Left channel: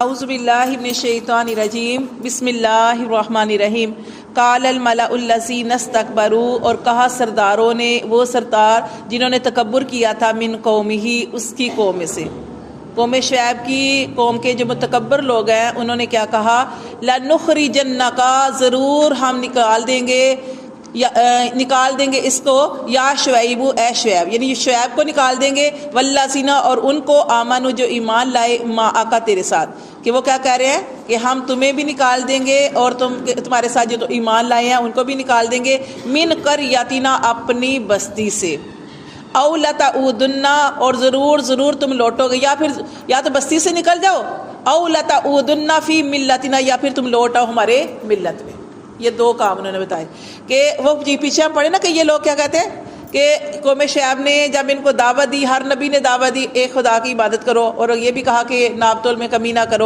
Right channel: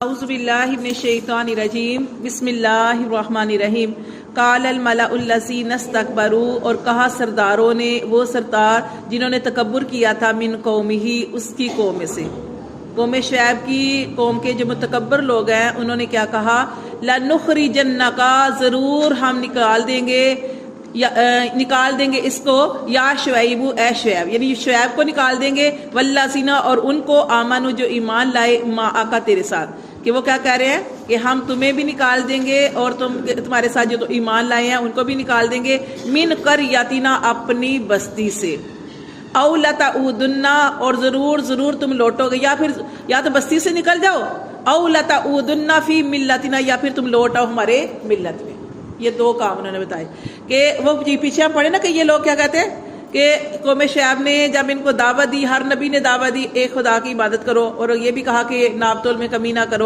اعوذ باللہ من الشیطان الرجیم بسم اللہ الرحمن الرحیم قال الملأ الذین استکبروا، اور کہا سرداروں نے، وہ سردار جنہوں نے تکبر کیا تھا، من قومہ، اس کی قوم میں سے، قوم شعیب کی قوم کے جو متکبر لوگ ہیں، انہوں نے کیا کہا، لَنُخْرِجَنَّكَ، ضرور ہم نکال دیں گے اس کو، یا شعیب، اے شعیب، یعنی شعیب کو نکال دیں گے، والذین، اور ان کو، آمنوا، جو ایمان لائے، معک، تیرے ساتھ، کہ وہ کیا کہہ رہے ہیں کہ ہم تمہیں بھی نکال دیں گے اور تمہارے ساتھ جو ایمان لائے ہیں ان کو بھی نکال دیں گے، من قریتنا، اپنی بستی سے، او لتعودن، اور ضرور تم لوٹو گے، یا تو بستی سے نکل جاؤ، او لتعودن فی ملتنا، یا پھر تم لوٹ آؤ ہمارے ملت میں۔ یہ دو کام انہوں نے بتائے کہ وہ پیچھے ہم پڑھے نا کہ یہ لوگ کیا کہتے ہیں کہ قوم شعیب نے جب ان کو دعوت دی، ہر نبی نے دعوت دی ایک خدا کی عبادت کرو، اور یہ بھی کہا کہ ناپ تول میں کمی نہ کرو،